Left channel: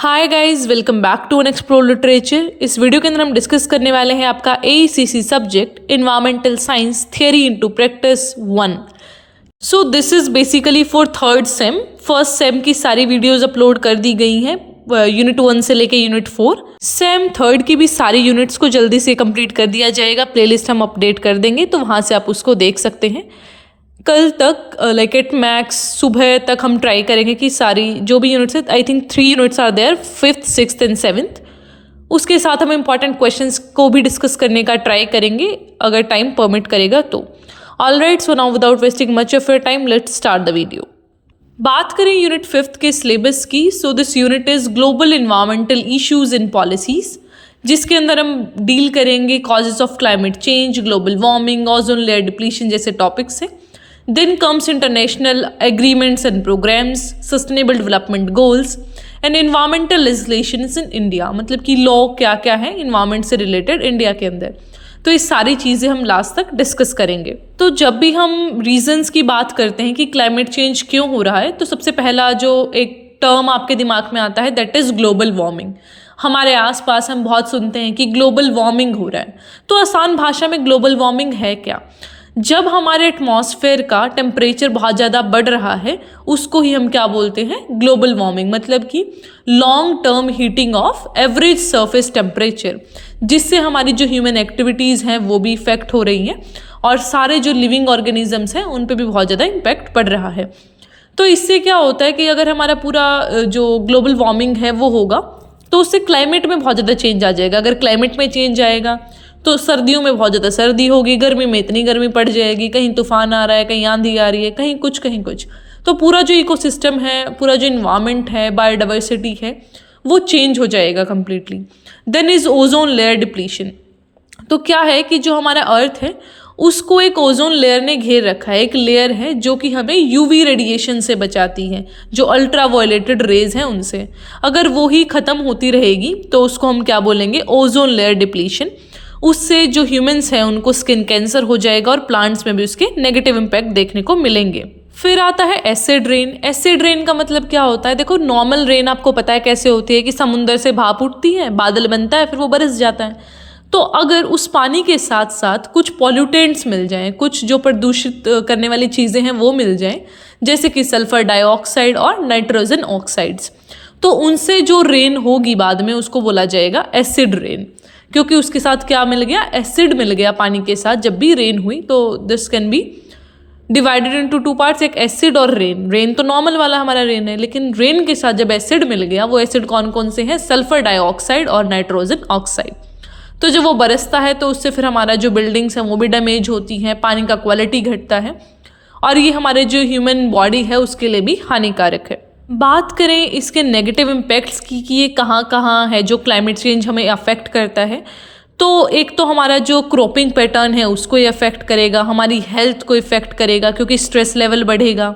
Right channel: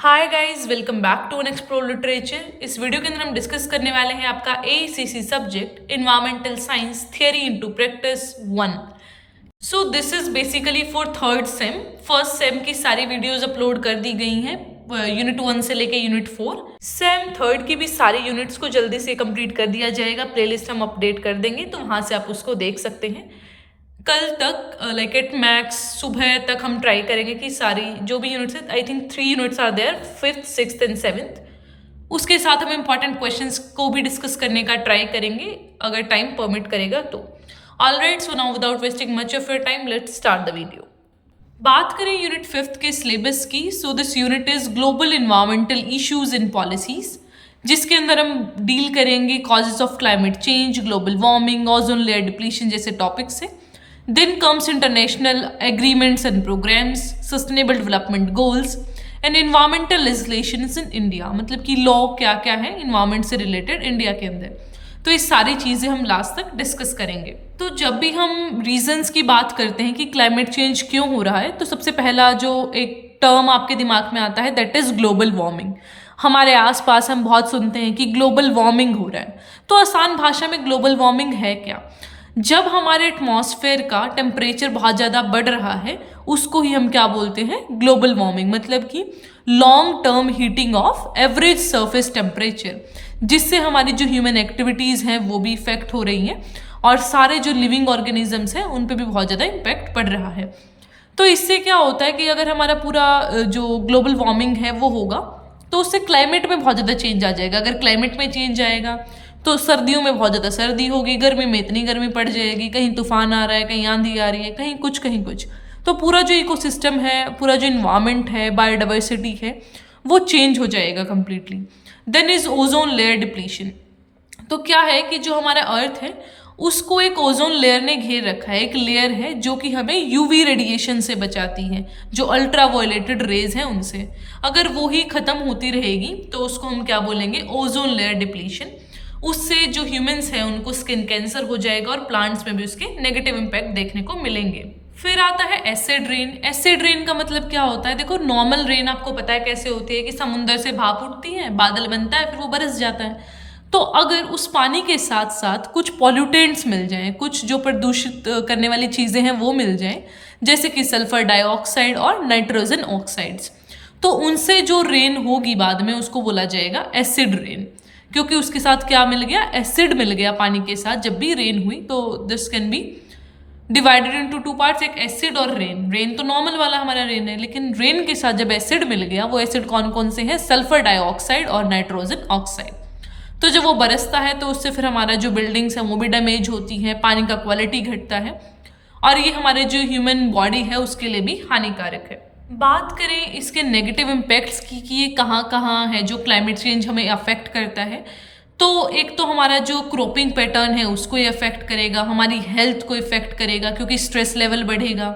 Hi guys, welcome back to explore literature. इस video के अंदर हम डिस्कस करने वाले हैं आपका AECC subject environmental science theory into practice 1। So this is basically for third sem. First sem की सारी वीडियोस अपलोड कर दी गई हैं, यूनिट 1 से लेके यूनिट 4। सेम थर्ड की भी सारी यूनिट्स को जल्दी से कंप्लीट कर दिया जाएगा। प्लेलिस्ट हम अपडेट कर देंगे तो वहाँ से आप उसको देख सकते हैं। कल तक लाइक एट मैक्स सुबह तक हम ट्राई करेंगे कि सारी जो भी यूनिट्स है, I think 3 units are there, 5th 6th and 7th। उसके साथ हम इम्पॉर्टेंट क्वेश्चंस को भी डिस्कस करने का ट्राई करेंगे अगर टाइम परमिट करेगा तो। Alright, so now without wasting much of your time let's start the video. बात करें यूनिट 5th के सिलेबस की, so this unit is global environmental issues and policies, जिसके अंदर हम डील करेंगे causes of climate change, global warming, ozone layer depletion जैसे topics हैं। Then comes international agreements and programs, sustainable development goals and environmental legislations in India। मतलब कि law क्या क्या है इन्वायरमेंट से रिलेटेड इंडिया के अंदर। तो ये सारी चीज़ें हम लास्ट तक डिस्कस करेंगे। तो जब भी हम रीजंस की बात करते हैं कि क्लाइमेट चेंज क्यों हो रहा है, तो सबसे पहला जो एक टर्म आपके दिमाग में आता है दैट इज़ ग्लोबल वार्मिंग। हमारे आसपास हम बहुत सुनते हैं कि ग्लोबल वार्मिंग हो रहा है। तो आसान भाषा में ग्लोबल वार्मिंग है क्या? जब हमारे एटमॉस्फेयर का टेम्परेचर बहुत ज़्यादा बढ़ रहा है उसको ही हम क्या बोलते हैं, ग्लोबल वार्मिंग। मतलब कि long term heating of average surface temperature, जिससे हमारी जो ह्यूमन एक्टिविटीज़ हैं वो भी इफेक्ट हो रही हैं और सारे जो लिविंग ऑर्गेनिजम्स हैं उन पे भी बहुत ज़्यादा इम्पैक्ट पड़ रहा है। तो इससे क्या होता है कि अगर हमारा पूरा जो ग्लोबल वार्मिंग है वो होगा तो उससे क्लाइमेट में बहुत ज़्यादा चेंज आ जाएगा। अगर क्लाइमेट में चेंज आएगा तो सर्दियों में बहुत ज़्यादा सर्दी होगी, गर्मी में इतनी गर्मी पड़ जाएगी, कहीं तूफान आ रहा है, कहीं आंधी आ रही है, कहीं कुछ। तो पूरा जो इकोसिस्टम है, पूरा जो इन्वायरमेंट है, बायोडाइवर्सिटी है, वो चेंज हो जाएगा completely. Then is ozone layer depletion. तो क्या है कि जो हमारा अर्थ है उसको एक ओजोन लेयर ने घेर रखा है। एक लेयर है जो कि हमें यूवी रेडिएशन से बचाती है, जो अल्ट्रा वायलेटेड रेज हैं उनसे। अगर वो ही ख़त्म होती रहेगी तो उसको हम क्या बोलेंगे, ओजोन लेयर डिप्लीशन। उससे जो ह्यूमंस हैं उनको स्किन कैंसर हो जाएगा और प्लांट्स में भी उसके नेगेटिव इम्पैक्ट देखने को मिलेंगे। फिर आता है एसिड रेन। एसिड रेन का मतलब क्या होता है? देखो, नॉर्मल रेन आपको पता है कैसे होती है कि समुंदर से भाप उठती है, बादल बनता है, फिर वो बरस जाता है। तो अगर उस पानी के साथ साथ कुछ पॉल्यूटेंट्स मिल जाएं, कुछ जो प्रदूषित करने वाली चीज़ें हैं वो मिल जाएं, जैसे कि सल्फर डाइऑक्साइड और नाइट्रोजन ऑक्साइड्स, तो उनसे जो रेन होगी बाद में उसको बोला जाएगा एसिड रेन। क्योंकि उसके साथ क्या मिल गया, एसिड मिल गया पानी के साथ जब भी रेन हुई। तो this can be divided into 2 parts, एक एसिड और रेन। रेन तो नॉर्मल वाला हमारा रेन है, लेकिन रेन के साथ जब एसिड मिल गया, वो एसिड कौन कौन से हैं, सल्फर डाइऑक्साइड और नाइट्रोजन ऑक्साइड। तो जब वो बरसता है तो उससे फिर हमारा जो बिल्डिंग्स हैं वो भी डैमेज होती हैं, पानी का क्वालिटी घटता है और ये हमारे जो ह्यूमन बॉडी है उसके लिए भी हानिकारक है। बात करें इसके नेगेटिव इम्पैक्ट्स की कि ये कहाँ कहाँ है जो क्लाइमेट चेंज हमें अफेक्ट करता है, तो एक तो हमारा जो क्रॉपिंग पैटर्न है उसको ये अफेक्ट करेगा, हमारी हेल्थ को इफेक्ट करेगा क्योंकि स्ट्रेस लेवल बढ़ेगा।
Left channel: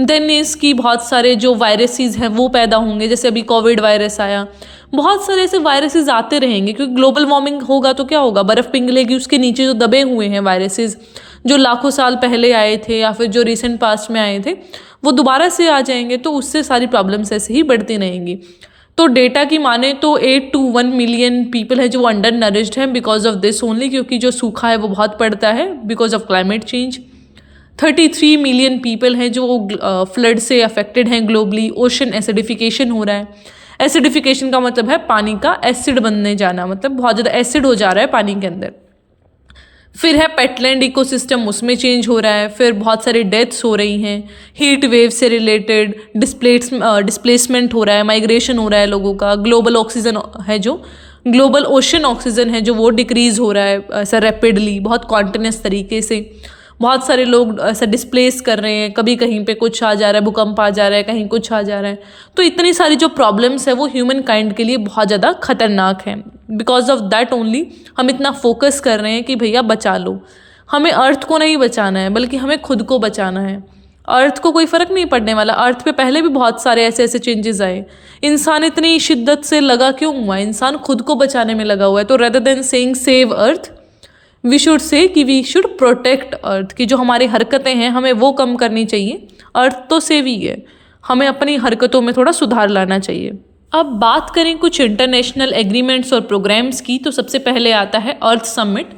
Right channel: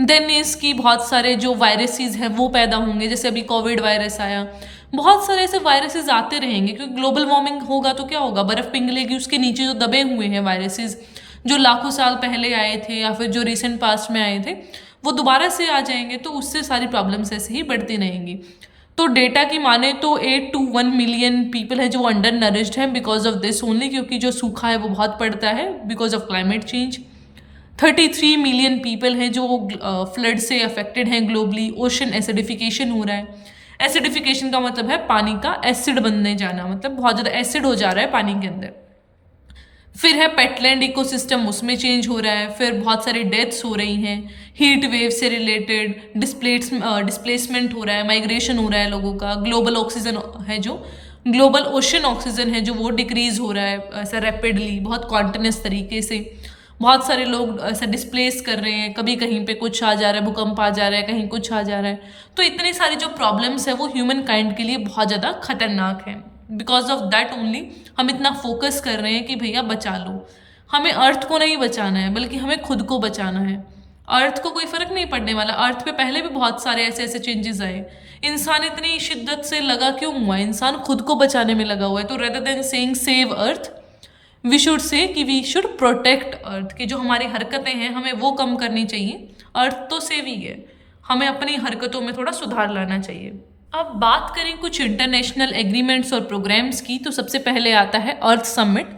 देन इसकी बहुत सारे जो वायरसेस हैं वो पैदा होंगे, जैसे अभी कोविड वायरस आया, बहुत सारे ऐसे वायरसेस आते रहेंगे क्योंकि ग्लोबल वार्मिंग होगा तो क्या होगा, बर्फ़ पिघलेगी, उसके नीचे जो दबे हुए हैं वायरसेस जो लाखों साल पहले आए थे या फिर जो रिसेंट पास्ट में आए थे वो दोबारा से आ जाएंगे, तो उससे सारी प्रॉब्लम्स ऐसे ही बढ़ती रहेंगी। तो डेटा की माने तो 8 to 1 मिलियन पीपल है जो अंडर नरिश्ड हैं बिकॉज ऑफ दिस ओनली, क्योंकि जो सूखा है वो बहुत पड़ता है because of climate change. 33 million people हैं जो फ्लड से अफेक्टेड हैं ग्लोबली। ओशन एसिडिफिकेशन हो रहा है। एसिडिफिकेशन का मतलब है पानी का एसिड बनने जाना, मतलब बहुत ज़्यादा एसिड हो जा रहा है पानी के अंदर। फिर है पेटलैंड इकोसिस्टम, उसमें चेंज हो रहा है। फिर बहुत सारी डेथ्स हो रही हैं हीट वेव से रिलेटेड, डिस्प्लेसमेंट हो रहा है, माइग्रेशन हो रहा है लोगों का। ग्लोबल ऑक्सीजन है जो ग्लोबल ओशन ऑक्सीजन है जो वो डिक्रीज़ हो रहा है ऐसा रैपिडली, बहुत कॉन्टिन्यूस तरीके से। बहुत सारे लोग ऐसा डिस्प्लेस कर रहे हैं, कभी कहीं पे कुछ आ जा रहा है, भूकंप आ जा रहा है, कहीं कुछ आ जा रहा है। तो इतनी सारी जो प्रॉब्लम्स है वो ह्यूमन काइंड के लिए बहुत ज़्यादा खतरनाक है। बिकॉज ऑफ दैट ओनली हम इतना फोकस कर रहे हैं कि भैया बचा लो। हमें अर्थ को नहीं बचाना है बल्कि हमें खुद को बचाना है। अर्थ को कोई फ़र्क नहीं पड़ने वाला। अर्थ पे पहले भी बहुत सारे ऐसे ऐसे चेंजेस आए। इंसान इतनी शिद्दत से लगा क्यों हुआ? इंसान खुद को बचाने में लगा हुआ है। तो rather than saying save earth, we should say कि वी शुड प्रोटेक्ट अर्थ। की जो हमारी हरकतें हैं हमें वो कम करनी चाहिए। अर्थ तो सेव ही है, हमें अपनी हरकतों में थोड़ा सुधार लाना चाहिए। अब बात करें कुछ इंटरनेशनल एग्रीमेंट्स और प्रोग्राम्स की, तो सबसे पहले आता है अर्थ समिट,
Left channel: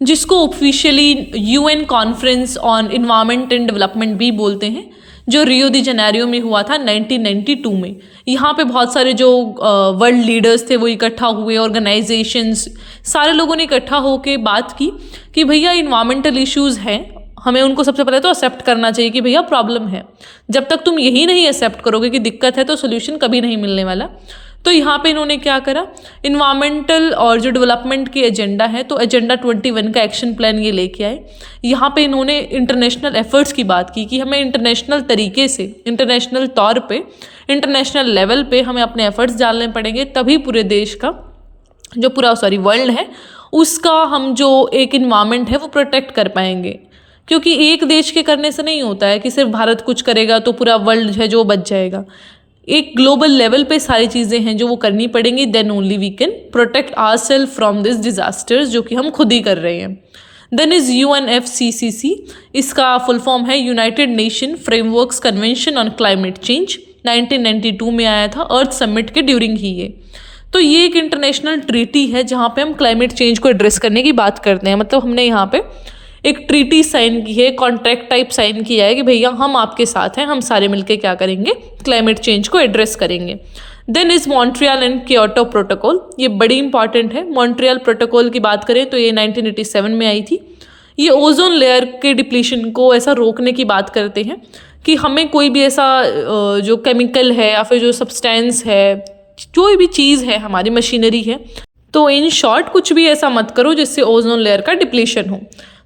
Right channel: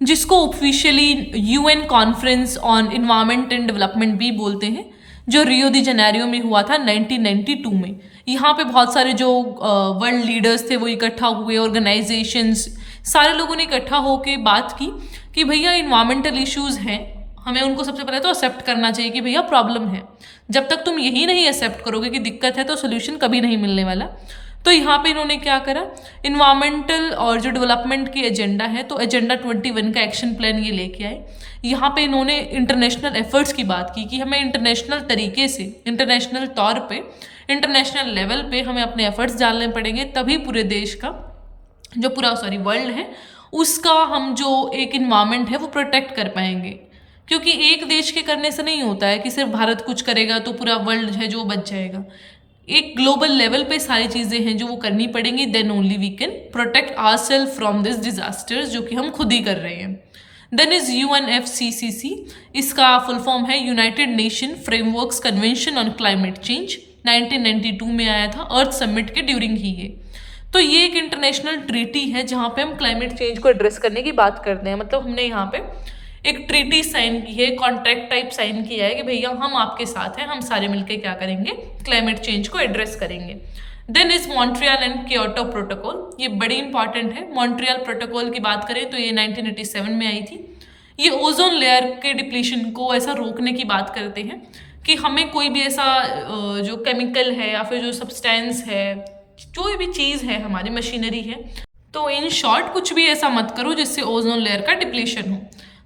जिसको officially UN conference on environment and development भी बोलते हैं, जो रियो दी जेनेरियो में हुआ था 1992 में। यहाँ पे बहुत सारे जो वर्ल्ड लीडर्स थे वो इकट्ठा हुए, ऑर्गेनाइजेशंस, सारे लोगों ने इकट्ठा होकर बात की कि भैया इन्वायरमेंटल इश्यूज़ हैं, हमें उनको सबसे पहले तो एक्सेप्ट करना चाहिए कि भैया प्रॉब्लम है। जब तक तुम यही नहीं एक्सेप्ट करोगे कि दिक्कत है तो सोल्यूशन कभी नहीं मिलने वाला। तो यहाँ पे इन्होंने क्या करा, इन्वायरमेंटल और जो डेवलपमेंट की एजेंडा है, तो एजेंडा 21 का एक्शन प्लान ये लेके आए। यहाँ पे इन्होंने इंटरनेशनल एफर्ट्स की बात की कि हमें इंटरनेशनल तरीके से, इंटरनेशनल तौर पे, इंटरनेशनल लेवल पे हमें अपने एफर्ट्स डालने पड़ेंगे, तभी पूरे देश का जो पूरा वर्ल्ड है उसका हम जो एक इन्वायरमेंट है वो प्रोटेक्ट कर पाएंगे। क्योंकि एक देश के करने से नहीं होता है कि सिर्फ भारत कुछ करेगा तो पूरा वर्ल्ड है जो बच जाएगा। एक ग्लोबल लेवल पे सारी चीज़ें हैं जो वो करनी पड़ेंगी, then only we can protect ourselves from this disasters, जो कि हम खुद ही कर रहे हैं। देन इज UNFCCC, इसका फुल फॉर्म है United Nation frameworks convention on climate change, 1992 में आया था अर्थ समिट के ड्यूरिंग ही ये। तो ये एक इंटरनेशनल ट्रीटी है जहाँ पे हम क्लाइमेट चेंज को एड्रेस करने की बात करते हैं। मतलब हमने यहाँ पे एक ट्रीटी साइन की है, कॉन्ट्रैक्ट टाइप साइन किया है कि भैया हम आपके साथ हैं, हम सारे मिलके क्या करेंगे, क्लाइमेट चेंज को एड्रेस करेंगे। Then is Montreal and Kyoto protocol, ये बड़ी इंपॉर्टेंट है। मॉन्ट्रियल प्रोटोकॉल की बात करें तो ये 1987 में आई थी। ये ओजोन लेयर के डिप्लीशन को ऐसा रोकने की बात करते हैं कि हमें कोई भी ऐसा जो केमिकल है या फिर जो सब्सटेंस है, कोई भी चीज़ है, हमारी मशीनरी है, तो इन शॉर्ट कुछ भी ऐसा मत करो जिससे ओजोन लेयर का डिप्लीशन हो।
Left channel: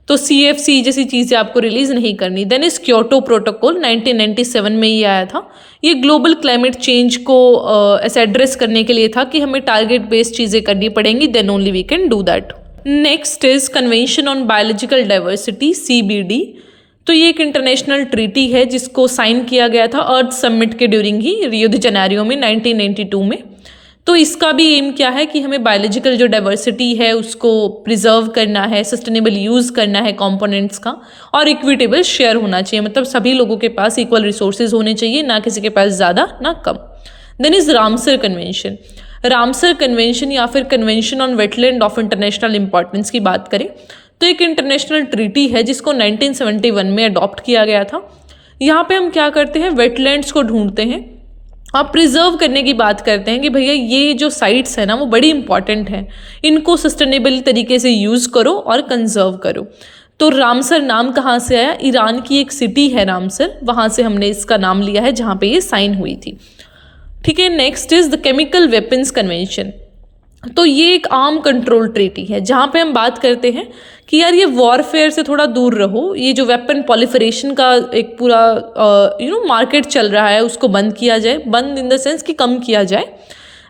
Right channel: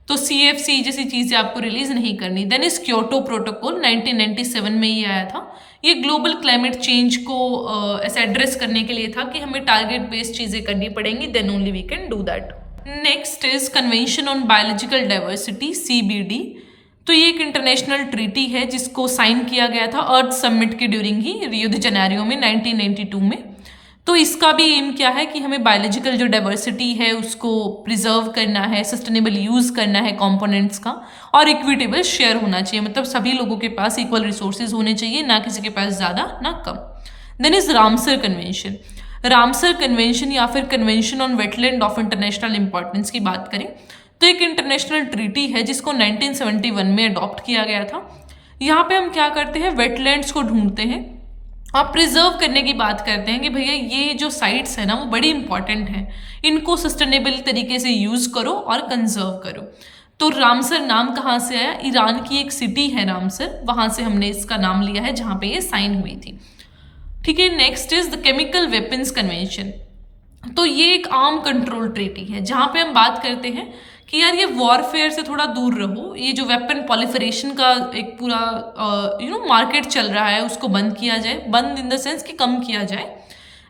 तो CFC जैसी चीज़ें आपको रिलीज नहीं करनी। देन इस क्योटो प्रोटोकॉल 1997 में ही आया था। ये ग्लोबल क्लाइमेट चेंज को ऐसे एड्रेस करने के लिए था कि हमें टारगेट बेस्ड चीज़ें करनी पड़ेंगी, then only we can do that. Next is convention on biological diversity, CBD। तो ये एक इंटरनेशनल ट्रीटी है जिसको साइन किया गया था अर्थ समिट के ड्यूरिंग ही रियो दी जेनेरियो में 1992 में। तो इसका भी एम क्या है कि हमें बायोलॉजिकल जो डाइवर्सिटी है उसको प्रिजर्व करना है, सस्टेनेबल यूज़ करना है कंपोनेंट्स का, और इक्विटेबल शेयर होना चाहिए। मतलब सभी लोगों के पास इक्वल रिसोर्सेज होने चाहिए, ना किसी के पास ज़्यादा ना कम। Then is Ramsar convention. Ramsar convention या फिर convention on wetland of international importance की बात करें तो एक इंटरनेशनल ट्रीटी है जिसको 1971 में अडॉप्ट किया गया था। यहाँ पे हम क्या करते हैं, वेटलैंड्स को ढूंढते हैं और प्रिजर्व करने की बात करते हैं कि भैया ये जो साइट्स है ना वो बड़ी इंपॉर्टेंट हैं, इनको सस्टेनेबल तरीके से यूज़ करो और कंजर्व करो। तो रामसर नाम कहाँ से आया, ईरान की एक सिटी है रामसर, वहाँ से हमने इसका नाम लिया है जहाँ पे ये साइन हुई थी। ठीक है, next is the chemical weapons convention. तो ये एक आर्म कंट्रोल ट्रीटी है जहाँ पे हम बात करते हैं कि यार ये वॉरफेयर से थोड़ा दूर रहो, ये जो वेपन पॉलिफरेशन का एक पूरा मार्केट चल रहा है उसको बंद किया जाए, बंद इन द सेंस कि कम किया जाए।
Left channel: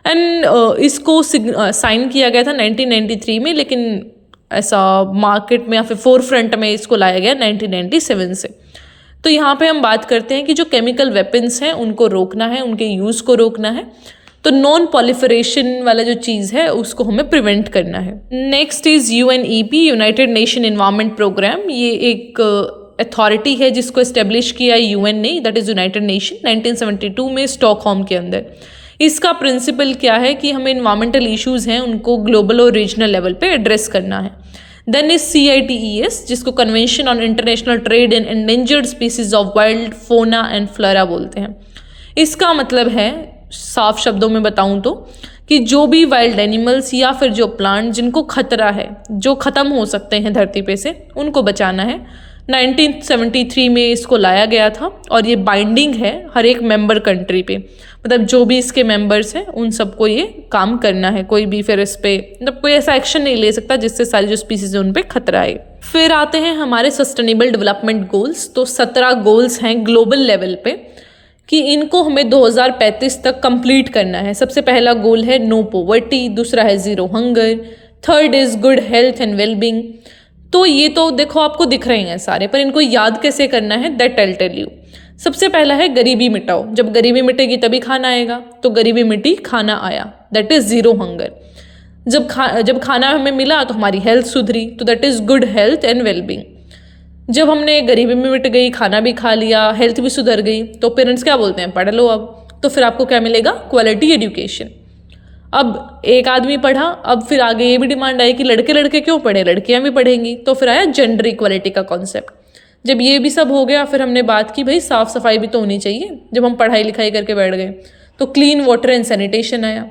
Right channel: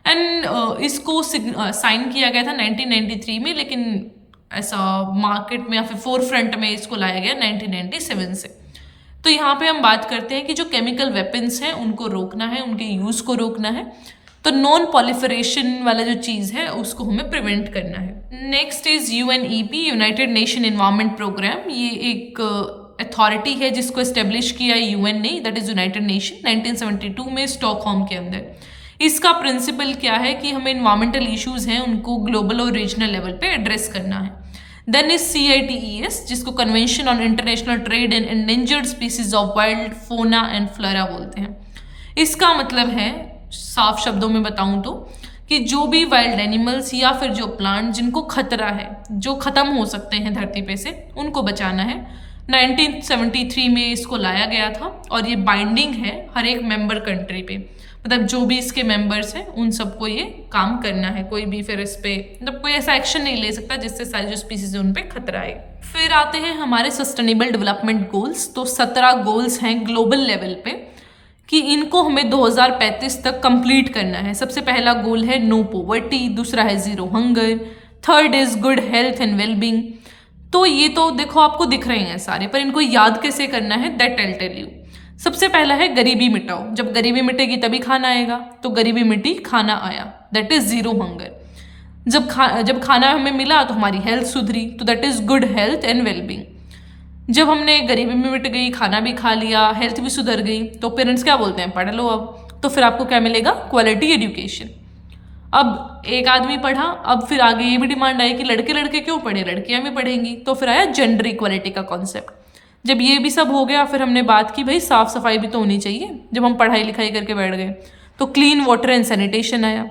एंड इसको साइन किया गया था 1993 में, लेकिन ऐसा मार्केट में या फिर फोर फ्रंट में इसको लाया गया 1997 से। तो यहाँ पे हम बात करते हैं कि जो केमिकल वेपन्स हैं उनको रोकना है, उनके यूज़ को रोकना है। तो नॉन पॉलिफरेशन वाला जो चीज़ है उसको हमें प्रिवेंट करना है। Next is UNEP, United Nation environment programme. ये एक अथॉरिटी है जिसको इस्टेब्लिश किया UN ने, दैट इज़ यूनाइटेड नेशन, 1972 में स्टॉकहोम के अंदर। इसका प्रिंसिपल क्या है कि हमें इन्वायरमेंटल इश्यूज़ हैं उनको ग्लोबल और रीजनल लेवल पे एड्रेस करना है। देन इज CITES, जिसको convention on international trade in endangered species of wild फोना एंड फ्लोरा बोलते हैं। इसका मतलब है, साफ शब्दों में बताऊं तो, कि जो भी वाइल्ड एनिमल्स या फिर जो प्लांट जिनको खतरा है, जो ख़त्म हो सकते हैं धरती पे से, उनको बचाना है। 1973 में इसको लाया गया था और ये बाइंडिंग है हर एक मेंबर कंट्री पे, मतलब जो भी इसके मेंबर्स हैं उन सबको ये काम करना है। कोई भी फिर इस पे मतलब कोई ऐसा एक्शन नहीं ले सकता जिससे सारी जो स्पीसीज है उन पे खतरा आए। फिर आते हैं हमारे सस्टेनेबल डेवलपमेंट गोल्स। तो 17 गोल्स हैं ग्लोबल लेवल पे कि इनको हमें 2035 तक कंप्लीट करना है। सबसे पहला गोल है नो पॉवर्टी, दूसरा है zero hunger, third is good health and wellbeing. तो ये तो देखो आपको दिख रहे हैं सारे, पर इनको याद कैसे करना है दैट आई टेल यू। सबसे पहला है गरीबी मिटाओ, जब गरीबी मिटेगी तभी खाना आएगा, तो गरीबी मिटी खाना आया, दैट इज़ ज़ीरो हंगर। जब खाना हमें मिला तो हमारी हेल्थ सुधरी, तो that is good health and wellbeing. जब हमने गरीबी में मिट गई, खाना भी खा लिया, हेल्थ भी सुधर गई, तो पेरेंट्स क्या बोलते हैं, पढ़ लो अब, तो फिर आपको क्या मिलेगा, क्वालिटी एजुकेशन। अब एक आदमी पढ़ा, अब फिर आगे ये भी डिमांड आई कि लड़के लड़के क्यों पढ़े, लड़कियां भी पढ़ेंगी, तो फिर आया जेंडर इक्वालिटी का कॉन्सेप्ट। जब ये भी सब हो गया, फिर हमने बात की भाई साफ सफाई भी तो होनी चाहिए। जब हम पढ़ाई लिखाई करके बैठ गए तो क्लीन वाटर एंड सैनिटेशन आया।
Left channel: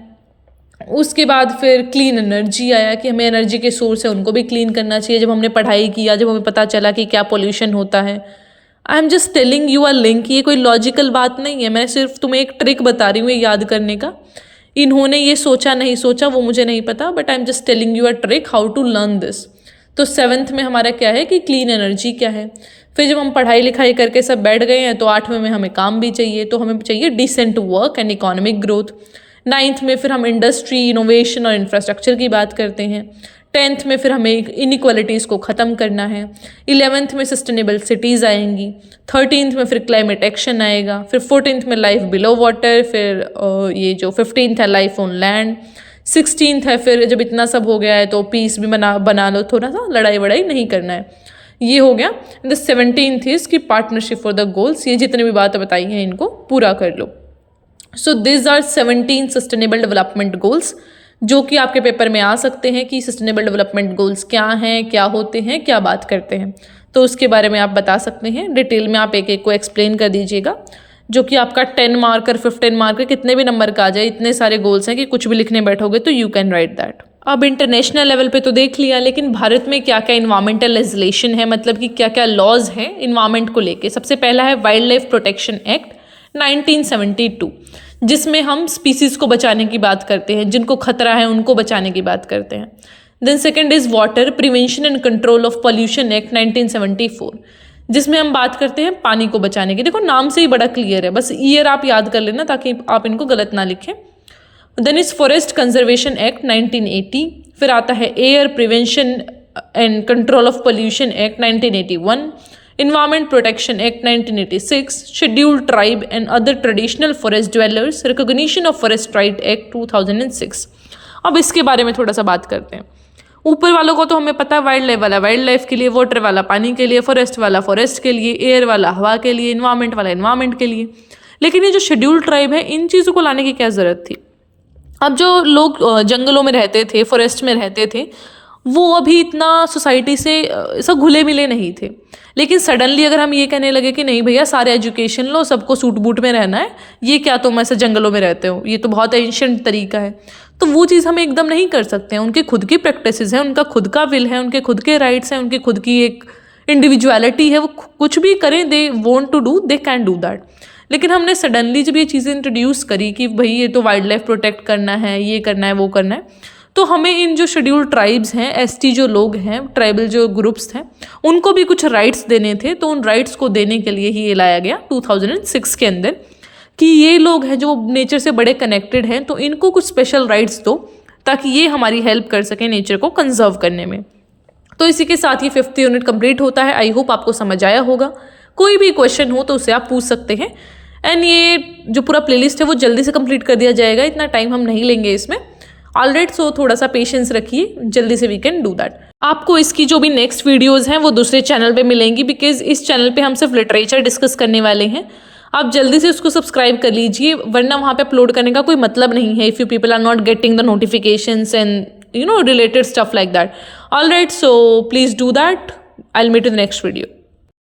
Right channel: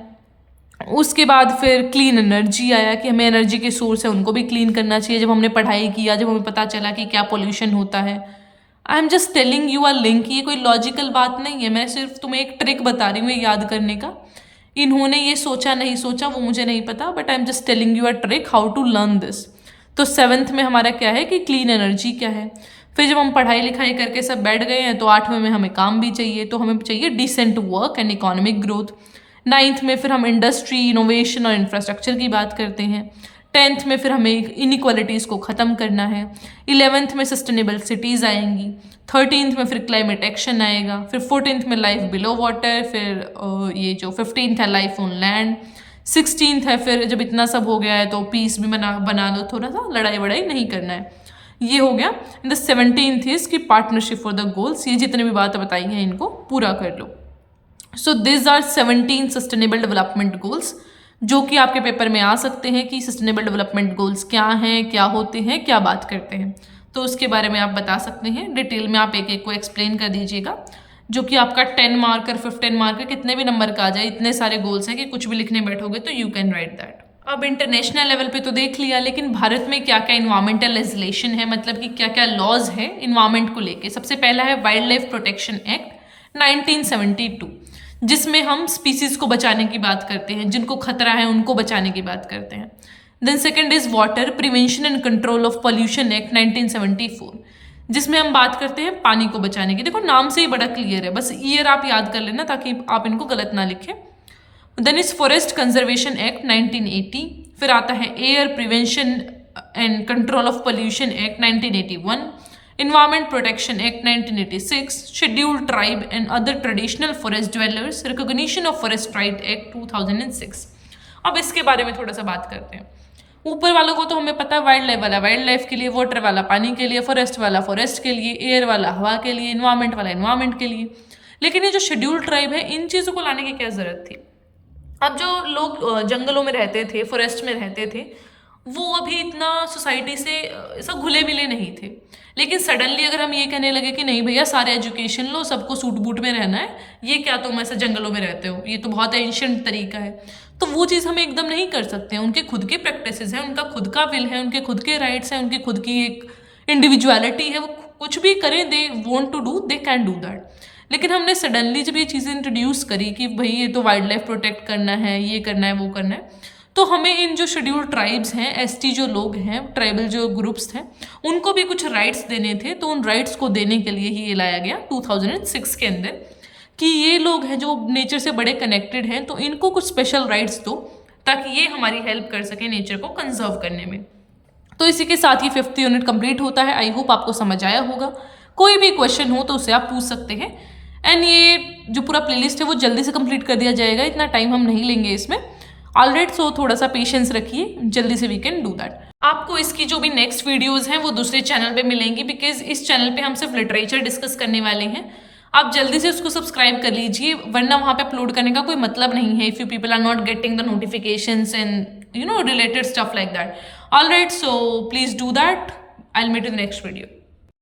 उसके बाद फिर क्लीन एनर्जी आया कि हमें एनर्जी के सोर्स है उनको भी क्लीन करना चाहिए। जब हमने पढ़ाई किया, जब हमें पता चला कि क्या पोल्यूशन होता है। आई am just telling you a link, ये कोई लॉजिकल बात नहीं है, मैं सिर्फ तुम्हें एक ट्रिक बता रही हूँ ये याद करने का। इन्होंने ये सोचा नहीं सोचा वो मुझे नहीं पता, but I am just telling you a trick how to learn this. तो 7th में हमारा क्या है कि क्लीन एनर्जी क्या है। फिर जब हम पढ़ाई लिखाई करके सब बैठ गए हैं तो 8वें में हमें काम भी चाहिए, तो हमें चाहिए decent work and economic growth. 9th में फिर हम इंडस्ट्री, इनोवेशन और इंफ्रास्ट्रक्चर की बात करते हैं। 10th में फिर हमें इनइक्वालिटीज़ को ख़त्म करना है। 11th में सस्टेनेबल सिटीज़ आएंगी। 13th में फिर क्लाइमेट एक्शन आएगा। फिर 14th में लाइफ बिलो वाटर। फिर ये जो 15th है लाइफ ऑन लैंड। 16th है फिर जब इतना सब हो गया है तो पीस भी बना लो, थोड़ा सा लड़ाई वड़ाई नहीं करना है, ये हो गया। The 17th is key partnership for the goals. ये जितने भी बातें बताई हैं इनको पूरा कर लो। So this are 17 sustainable development goals जो कि आपके पेपर में आ सकते हैं कि सस्टेनेबल डेवलपमेंट गोल्स क्या हैं, क्या होते हैं, क्या बात करते हैं। तो उसके बारे में आप बता सकते हैं। डिटेल में आप एक एक को एक्सप्लेन कर दीजिएगा, जो कि आपका 10 मार्कर 15 मार्कर कितने भी नंबर का आ जाए। इतने सारे गोल्स हैं कि कुछ भी लिखने बैठोगे तो यू कैन राइट दैट। अब इंटरनेशनल लेवल पे तो देख लिया, लेकिन भारत में क्या क्या इन्वायरमेंटल लेजिस्लेशन है, मतलब कि क्या क्या लॉज है इन्वायरमेंट को लेके। सबसे पहला है वाइल्ड लाइफ प्रोटेक्शन एक्ट 1972, जिसमें हम स्पीसीज को बचाने की बात करते हैं, जिनको खतरा है उनको बचाने की बात करते हैं। Then second is water prevention and control of pollution act 1974, जिसमें हम बात करते हैं पानी को बचाने की। देखो नाम से ही बड़ा क्लियर है, बस ईयर आप याद कर लेना ताकि आप इनको गलत ना लिखें। Then is forest conservation act 1980। फिर आता है air prevention and control of pollution act 1981, Environment Protection Act 1986, Scheduled Tribe and Other Traditional Forest Dwellers Recognition of Forest Right Act 2006। अब इसके बारे में थोड़ा सा बात करते हैं। ऊपर वालों को तो हमें पता है, वाइल्ड लाइफ वाला वाइल्ड लाइफ के लिए, वाटर वाला पानी के लिए, फॉरेस्ट वाला फॉरेस्ट के लिए, एयर वाला हवा के लिए, इन्वायरमेंट वाला इन्वायरमेंट के लिए। लेकिन ये जो शेड्यूल्ड ट्राइब है, इन चीज़ों को लाने की क्या ज़रूरत थी। अब जो लोग जंगलों में रहते थे, फॉरेस्ट में रहते थे, वो अभी इतना सोसाइटी से सब घुले मिले नहीं थे। लेकिन सडनली अगर हम ये कहने लगे कि नहीं भैया सारे एजुकेशन लो, सबको सूट बूट में रहना है, ये क्या तुम ऐसे जंगलों में रहते हो, ये तो बहुत एंशिएंट तरीका है, तो वो चीज़ हम एकदम नहीं कर सकते हैं। उनकी खुद की प्रैक्टिसेस हैं, उनका खुद का विल है, उनके खुद के राइट्स हैं, उनकी खुद की एक इंडिविजुअलिटी है। वो कुछ भी करें, they want to do, they can do that. लेकिन हमने सडनली जब ये चीज़ें इंट्रोड्यूस करी कि भाई ये तो वाइल्ड लाइफ प्रोटेक्ट करना है, ये करना है, वो करना है, तो हमें इन जो शेड्यूल्ड ट्राइब्स हैं, एसटी जो लोग हैं, ट्राइबल जो ग्रुप्स हैं, उनको भी कुछ राइट्स देने थे। तो उन राइट्स को देने के लिए ही ये लाया गया 2006 के अंदर कि ये लोग हैं जो नेचर से बड़े कनेक्टेड हैं, तो इनको कुछ स्पेशल राइट्स दो ताकि ये हमारी हेल्प कर सकें नेचर को कंजर्व करने में। तो इसी के साथ ये 5th यूनिट कंप्लीट होता है। आई होप आपको समझ आया होगा। कोई भी क्वेश्चन हो तो उसे आप पूछ सकते हैं। एंड ये जो पूरा प्लेलिस्ट है वो जल्दी से कंप्लीट कर दिया जाएगा, इतना टाइम हम नहीं लेंगे इसमें। ऑलराइट, सो थोड़ा सा पेशेंस रखिए, जल्दी से वी कैन डू दैट। आपको इसकी जो भी नेक्स्ट वीडियोस हैं वो दूसरे चैनल पे मिलेंगी, बिकॉज इस चैनल पे हम सिर्फ लिटरेचर डिस्कस करने वाले हैं। आप जल्दी से उसको सब्सक्राइब कर लीजिए, वरना वहाँ पे अपलोड करने का कोई मतलब नहीं है if you people are not getting the notifications and related stuff like that. Alright, so please do that. I will meet in the next video.